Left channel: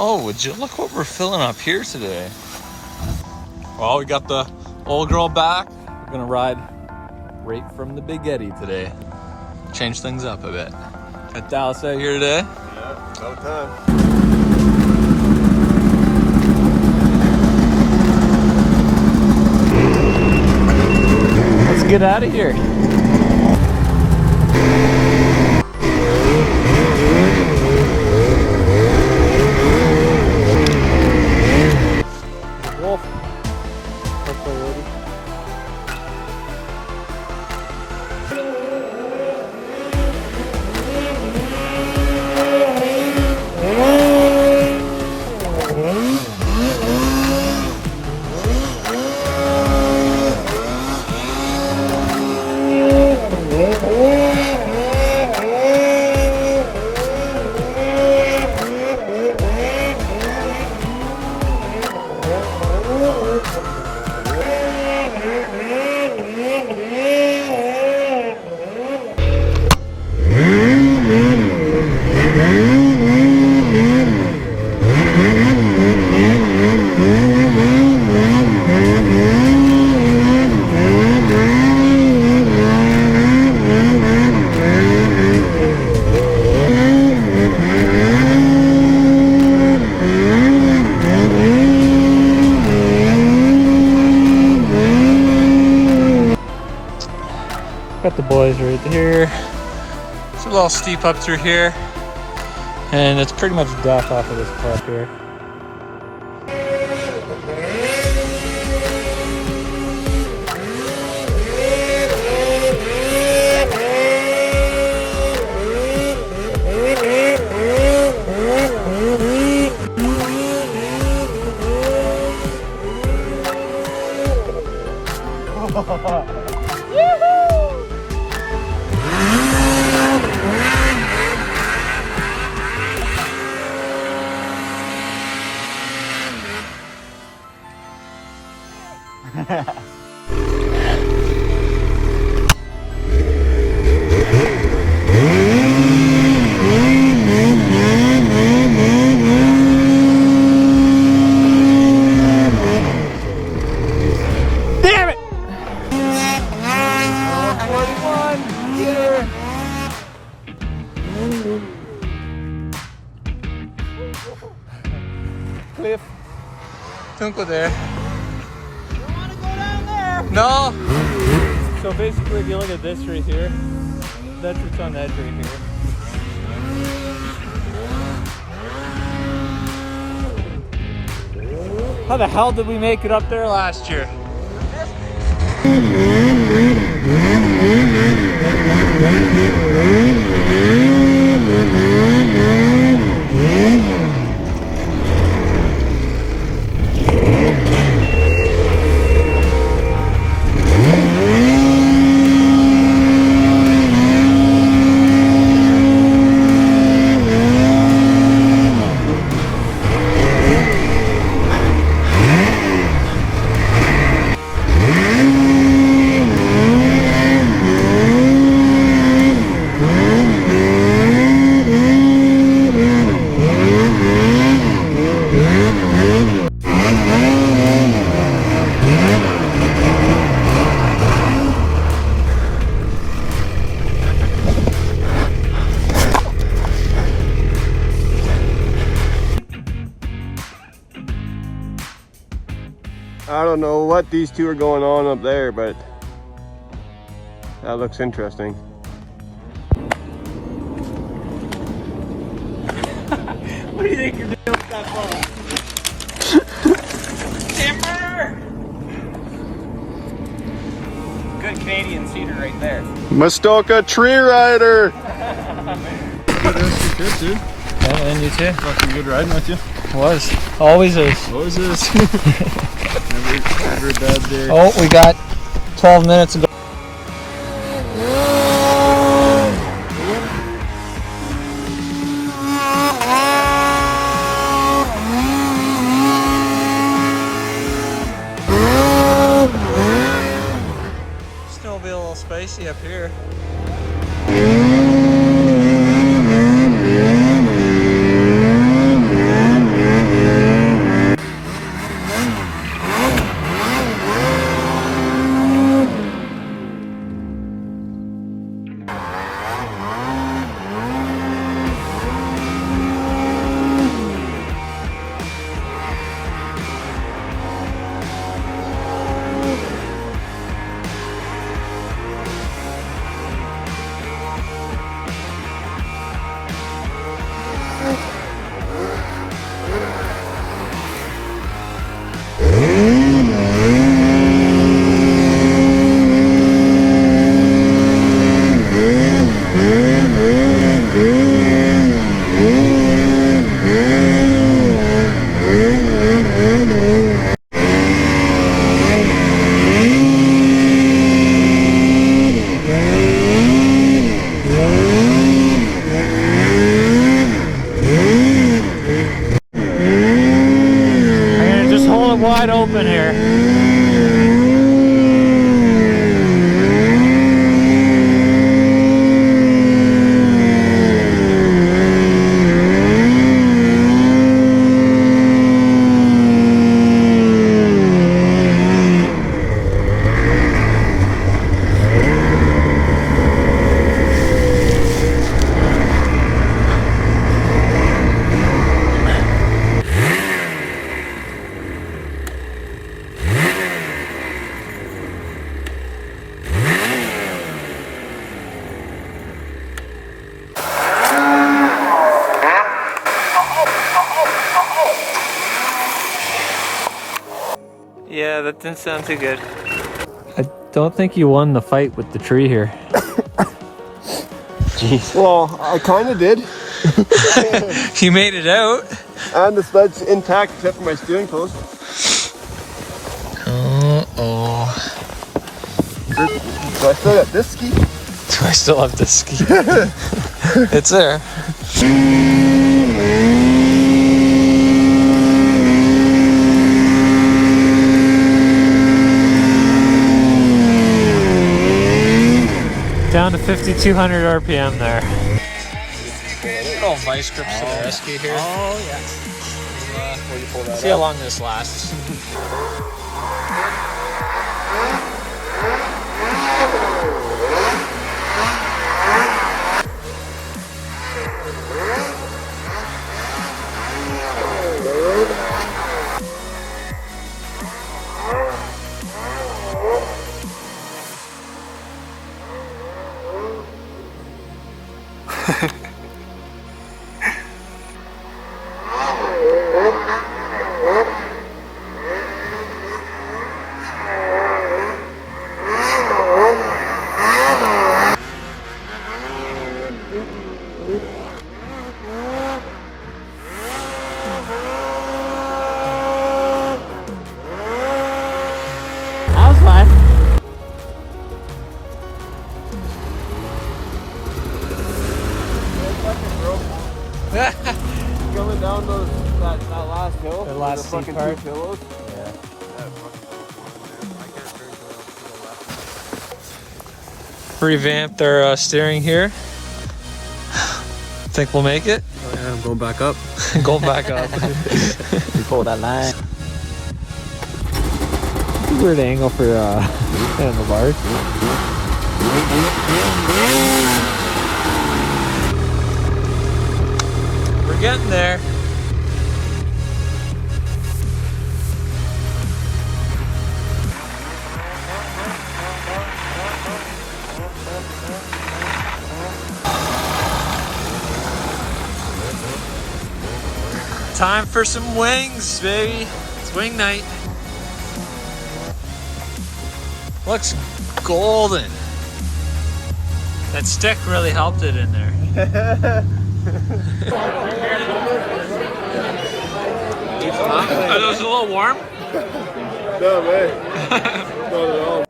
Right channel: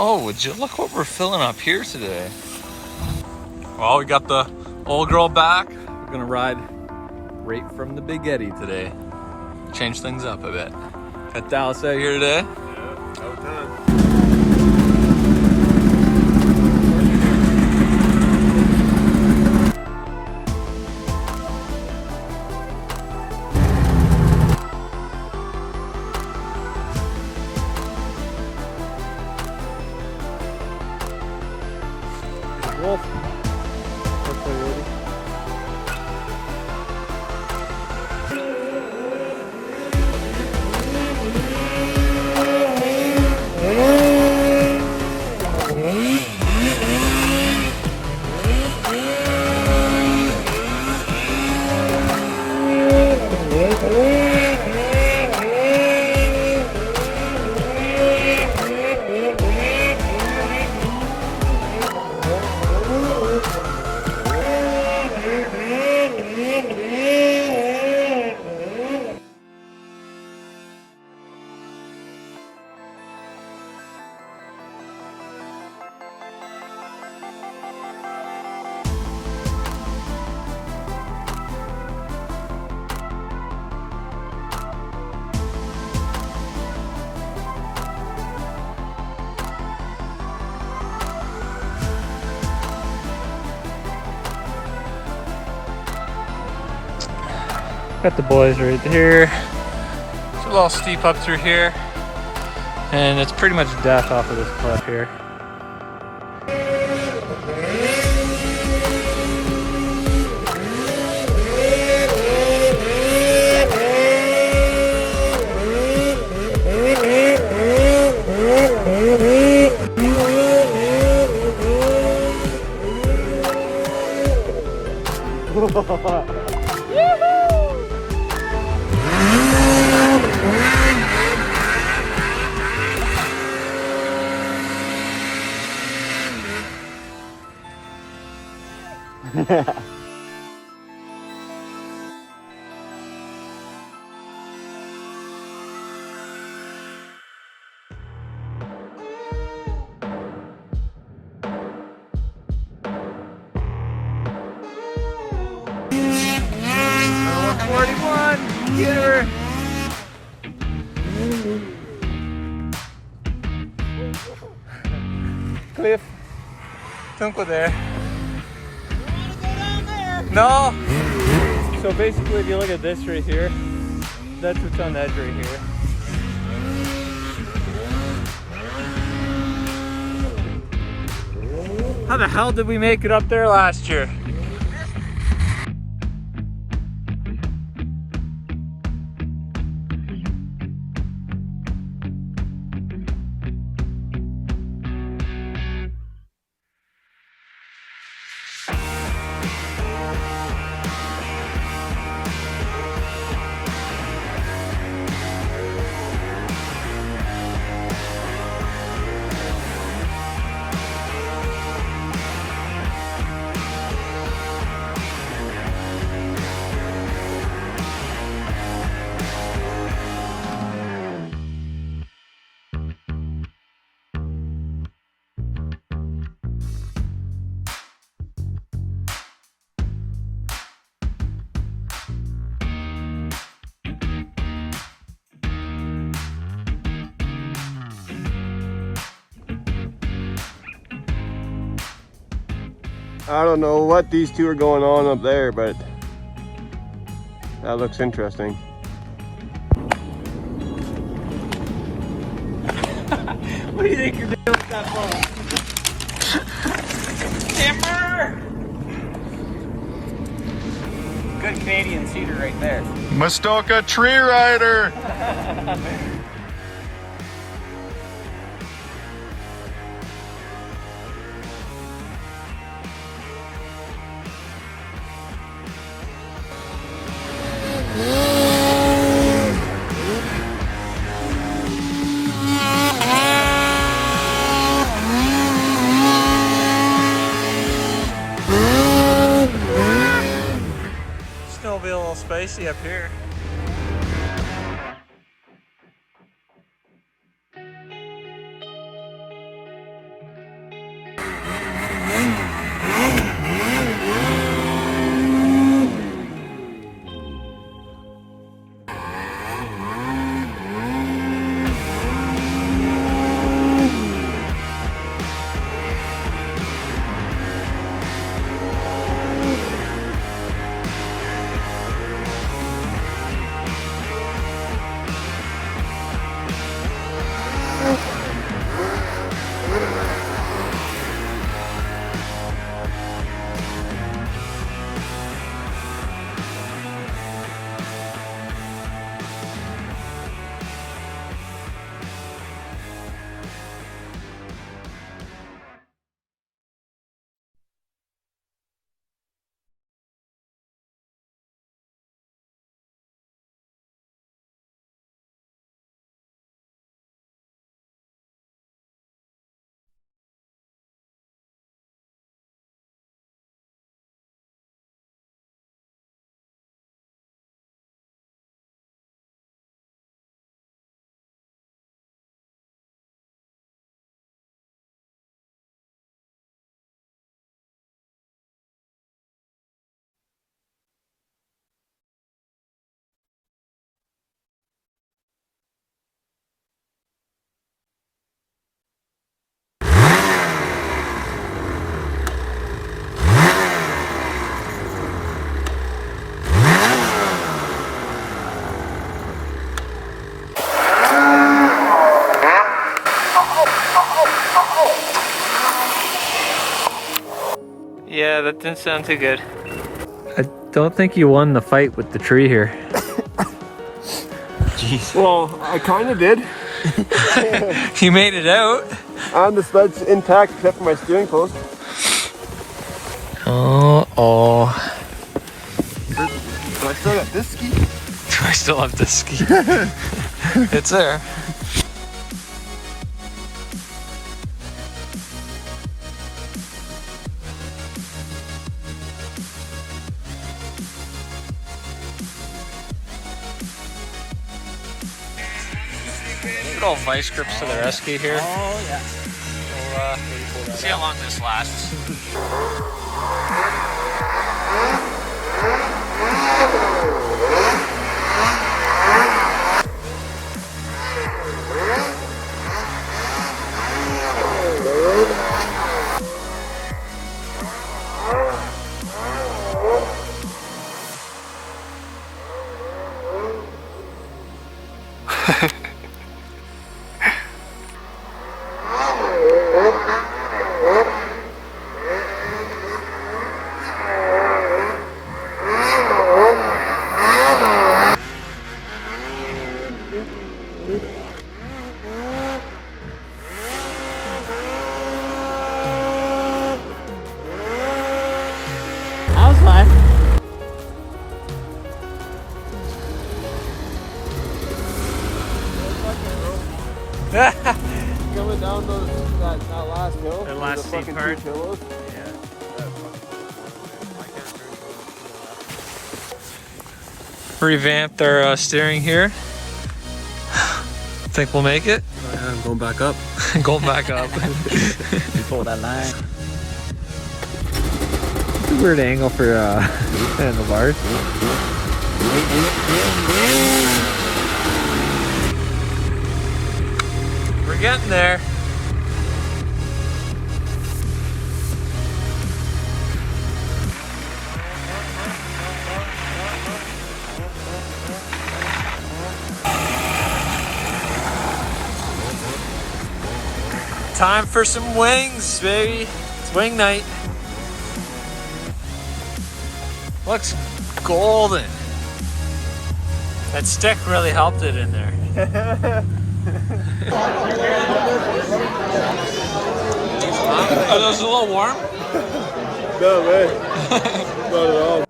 Oh, would you look what we're filling up here today? Well, we got the old girl back. We're gonna ride right from the Big Eddy today. Change things up a bit. Got Dallas out here today. Okay. Let's get out of here. Wolf. Hopefully ready. Got the boys right here. It's a little steep up through here, and it's pretty much death off of this cliff here. Damn it! 41, get her! Cliff, don't go there. No. So basically, if you look at this right here, that's what's on the edge right here. How the hell did we make it up there last year? I don't know what these two are going on up there, but that looks interesting. What do you think you're doing with that phone? Camper! Good Canadian cedar right there. Muskoka tree rider! Good too. Yeah, and you too. Fucking good riding with you. Was. Always is. Always is. Never a bad day. Oh, we got 12 minutes ago. It's gonna be a little spacey up here. wide open here. Yeah, that didn't sound too good. I don't think you won the fight with the tree here. Jeez. Well, I kind of did. You made it out. And the sled's intact except for my steering post. Oh. So I still got this ski. I still have this ski. It's there. Down to 5,200 RPM there. Good old vice grips for the rescue here. Oh, yeah. We'll see how long this lasts. That was fun. Coming down that last hill. The last with the steep fucking part. 2 pillows. Yeah. That fucking close one, man. I can't turn to the left. Revamped our steering here. Think we'll make it? Yeah, I'm going back up. Going back up. Before that line. It's a weird angle for handlebars. We're getting there. Time for some wings, baby. It's wing night. Looks golden. That stick really helped it in there. Are those a little warm? No, man. Not at all.